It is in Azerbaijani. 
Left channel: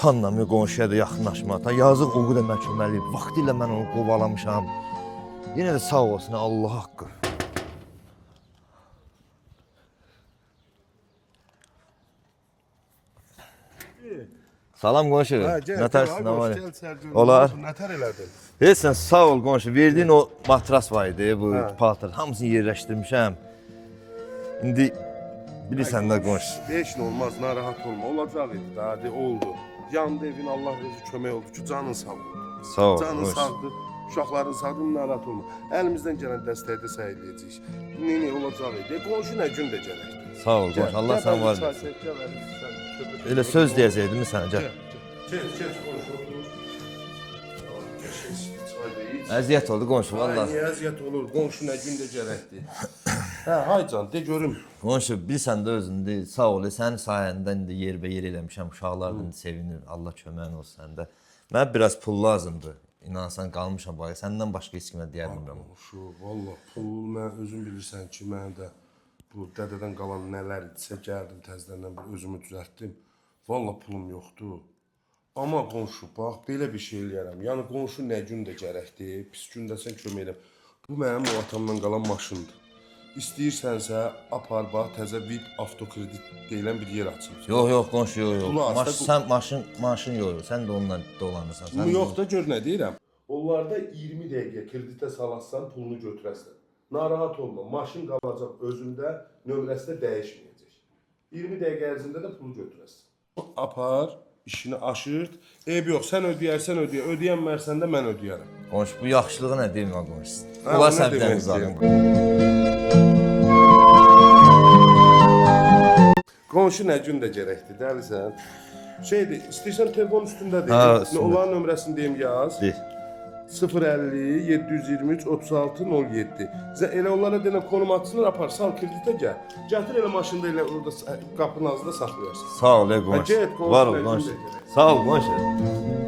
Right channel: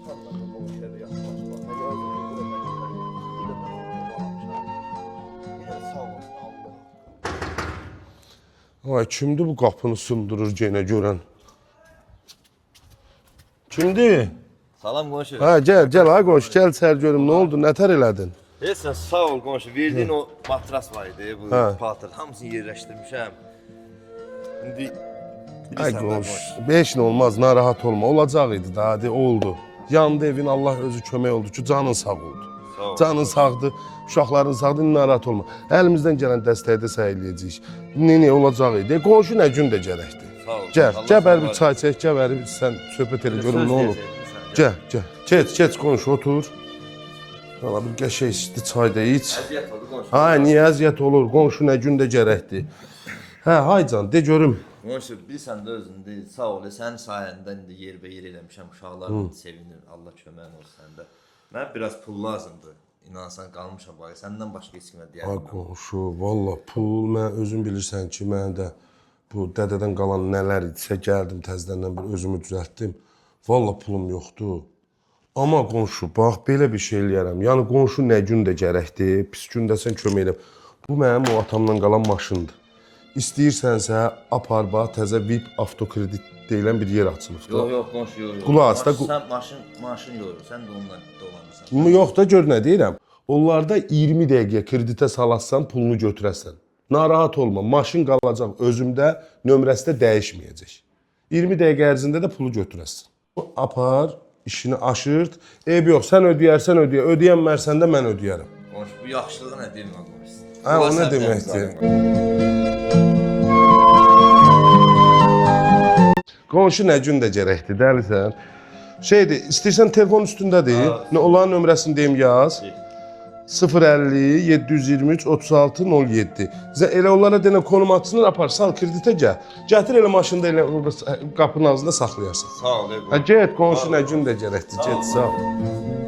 utanmam qonşuya da yaxınlaşmaqdan. Yazıq oğul da məhkəməli. Vaxtilə mən onu qovalamışam. Yenə də sağ olsun Allah haqqı. Ay, kimdir bu qapını sındırır yenə görən? Kimdir? Salam qonşu. Hə, gəl, ay qonşu, gəl içəri görüm. Nə Olar. oldu, nətər elədin? Heç sən sağ ol qonşu. Verdiyin o matras var idi, bu patır. Hamısını yerləşdirmişəm. İndi bilirsən də qonşu. Heç nə olmaz, narahat olma. Olacaq idi da, hadi oldu. Yandı evin, Allah özü kömək oldu ki, canın sağ oldu. Sağ ol. Canın sağdır, uşaqların sağdır, narahat olma. Əlimizdən gələn dəstəyi də səyləyəcəyik. Nə olacaq idi? Qonşu nə gün də gərəkdir. Sağ ol. Gəl bir çay çək, gəl sən söhbət Elə edin. söz deyəcəkdim sənə. Gəl. Keç qonşu, otur. Sana bir qəşəng isti çay da iç. Əziyyət oldu qonşu. Ha, niyə əziyyət olur? Qonşu nə gün də gərəkdir. Hə, hay can, de görüm. Qonşu, bilsən də özündə sağ ol. Sənin sayəndə indi yerbəyer eləmişəm. Uşaqlarım sevinir. Allah köməyin olsun səndə. Mən biraz pul lazımdır. İnansan qalmışam bax. Səndən başqa heç kimə deyərəm. Ay qonşu, valla pul, mən özün bilirsən ki, mən də bu dədədən qalan nələr idisə gəldim təzədən bir özümü düzəltdim. Valla pulum yoxdur. Amma qonşu, bax belə bir şey eləyərəm. Yəni qonşu nə gün də gərəkdir, pis gündə sən kömək eləm. Bu mənim o atamdan qalan maşındır. İstəyirsənsə apar bax təzə VIP avtokredit deyilən bir yer açılır. Yox, qonşu, yox. Qulaq as. Sən maşın yoxdur. Sən də onunla dolanırsan. Yox da gör nə deyirəm. Onlarda 20 dəqiqə kreditə salatsan pulunu götürəsən. Narahat olma, maşın qalacaq özümdə, nömrəsi də dəyişməyəcək. 20 dəqiqə ərzində də pulu götürəsən. Apar, işini aşırt. Eyb yox, sən ödəyərsən ödəyə, ödəyənmərsən də mən ödəyərəm. Qonşu, bu yaxşılığı nə deyim lan qonşu? Hə, o nə demək istəyirəm? Qonşu nə gün də gərəkdir, dəlisən. Şeydir, istəyirsən telefon üstündədir. Olan nömrəsini deyim yaz. 050 723 36 07. Elə onlara denə konum atsınlar, apar, sal kreditə gəl. Gətir elə maşında elə qapının ağzında saxlayarsan. Sağ ol, qonşu. Get, qonşu nə gün də gərəkdir. Sağ ol, qonşu.